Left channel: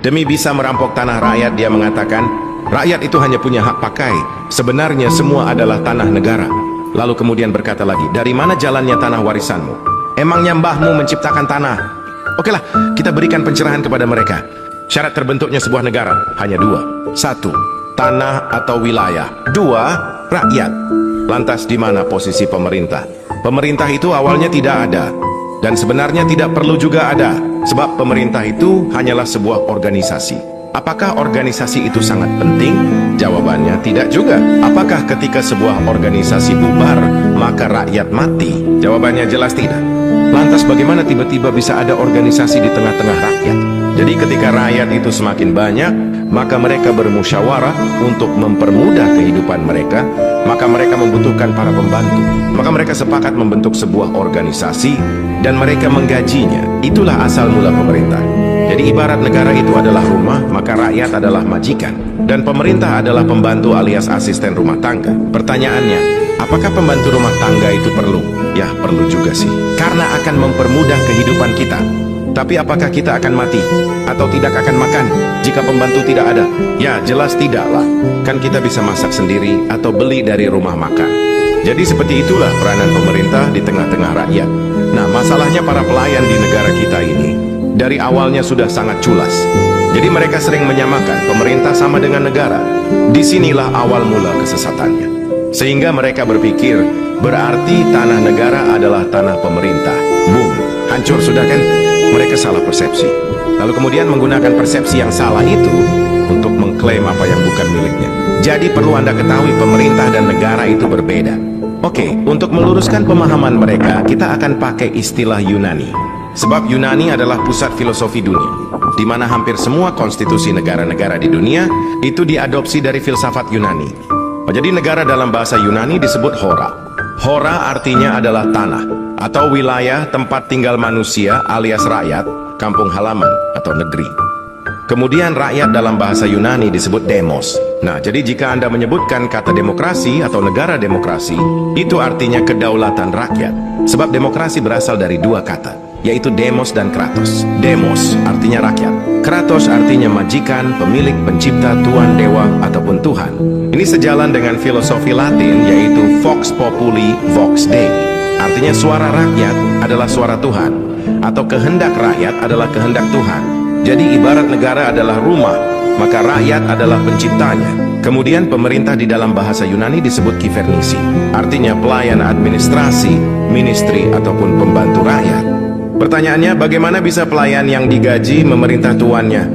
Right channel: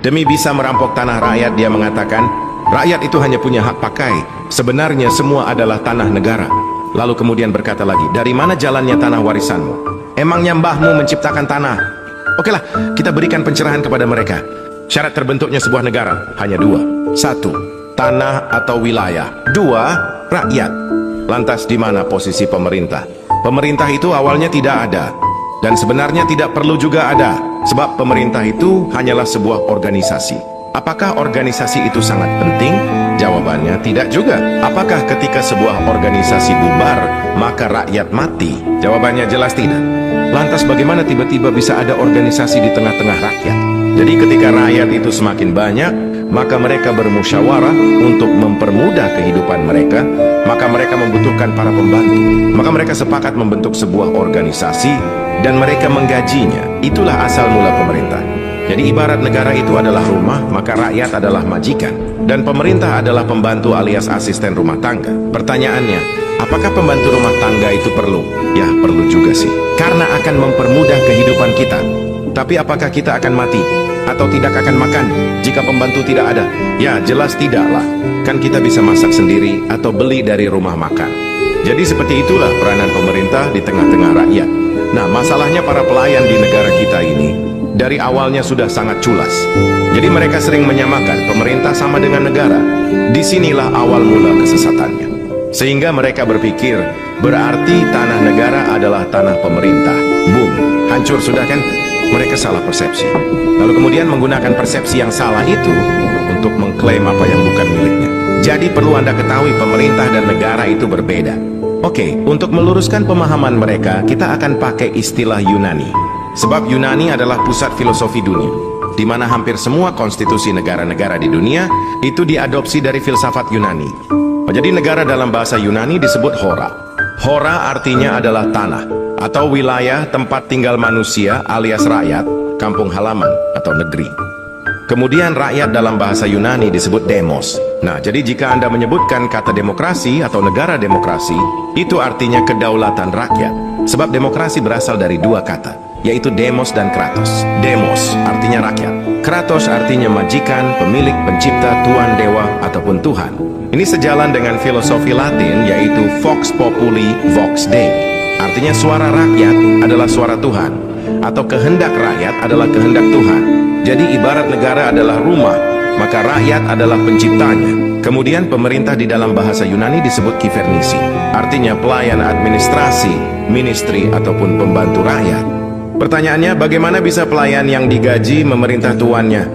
Demi bisa merampok tanah rakyat, dia mengatakan, rakyat itu hanya punya hak pakai. Sebenarnya semua adalah tanah negara. Lalu kemudian berkata lagi, dari mana jalannya tanah warisanmu? Emangnya mbahmu menciptakan tanah? Okelah, kita berikan pencerahan kepada mereka. Syarat terbentuknya sebuah negara hanya dua. Satu, tanah atau wilayah. Dua, rakyat. Lantas di mana posisi pemerintah? Pemerintah itu awalnya tidak ada. Dan sebenarnya tidak perlu juga ada. Sebab pemerintah itu hanyalah sebuah organisasi. Apakah organisasi itu sangat penting? Jawabannya tidak juga. Apakah ketika sebuah organisasi bubar, maka rakyat mati? Jawabannya jelas tidak. Lantas bagaimana tiba-tiba bisa ada organisasi di tengah-tengah rakyat? Jadi ketika rakyat itu semakin banyak, maka mereka bermusyawarah untuk mempermudah kehidupan mereka, maka mereka membutuhkan para pembantu. Maka mereka sepakat membentuk sebuah organisasi dan mereka menggajinya. Itulah asal mula pemerintah. Jadi ibarat negara itu adalah rumah, maka rakyat adalah majikan. Dan pemerintah adalah pembantu alias asisten rumah tangga. Pertanyaannya, apakah pembantu rumah tangga itu perlu? Ya, perlu juga sih. Karena akan mempermudah kehidupan kita. Tapi apakah kita akan mati? Atau tidak akan makan jika pembantu tidak ada? Ya, jelas tidaklah. Kan kita bisa masak sendiri atau beli dari rumah makan. Jadi seperti itulah peranan pemerintah di tengah-tengah rakyat. Nah, masalahnya para pelayan di negara kita ini dari awalnya sudah sangat culas. Jadi mereka sering menyamakan pemerintah sama dengan negara. Disinilah awal mula kesesatannya. Sehingga mereka berpikir, berarti tanah negara adalah tanah pemerintah. Boom, hancur sudah kan? Mereka salah persepsi. Lalu kemudian menggunakan persepsi yang salah itu untuk mengklaim apa yang bukan miliknya. Jadi perlu Anda ketahui, pemerintah dan negara itu berbeda. Oke, untuk meluruskan pemahaman mereka, kita akan pakai istilah Yunani. Sebab Yunani adalah pusat filosofi dunia, di mana hampir semua konstitusi negara-negara di dunia itu diadopsi dari filsafat Yunani. Jadi negara dalam bahasa Yunani disebut hora. Hora artinya adalah tanah atau wilayah tempat tinggal manusia alias rakyat, kampung halaman atau negeri. Kemudian rakyat dalam bahasa Yunani disebut demos. Nah, jadi jika Anda menyebutkan kata demokrasi atau negara demokrasi, itu artinya kedaulatan rakyat. Sebab demokrasi berasal dari dua kata, yaitu demos dan kratos. Demos artinya rakyat. Kratos artinya majikan, pemilik, pencipta, tuan, dewa, ataupun Tuhan. Ini sejalan dengan filosofi Latin, yaitu vox populi, vox Dei. Artinya suara rakyat adalah suara Tuhan, atau kehendak rakyat adalah kehendak Tuhan. Jadi ibarat negara adalah rumah, maka rakyat adalah penciptanya. Kemudian pemerintah di dalam bahasa Yunani disebut kivernisi. Artinya pelayan administrasi, ministry, ataupun pembantu rakyat. Pertanyaannya, bagaimana bisa pelayan yang digaji memerintah tuannya?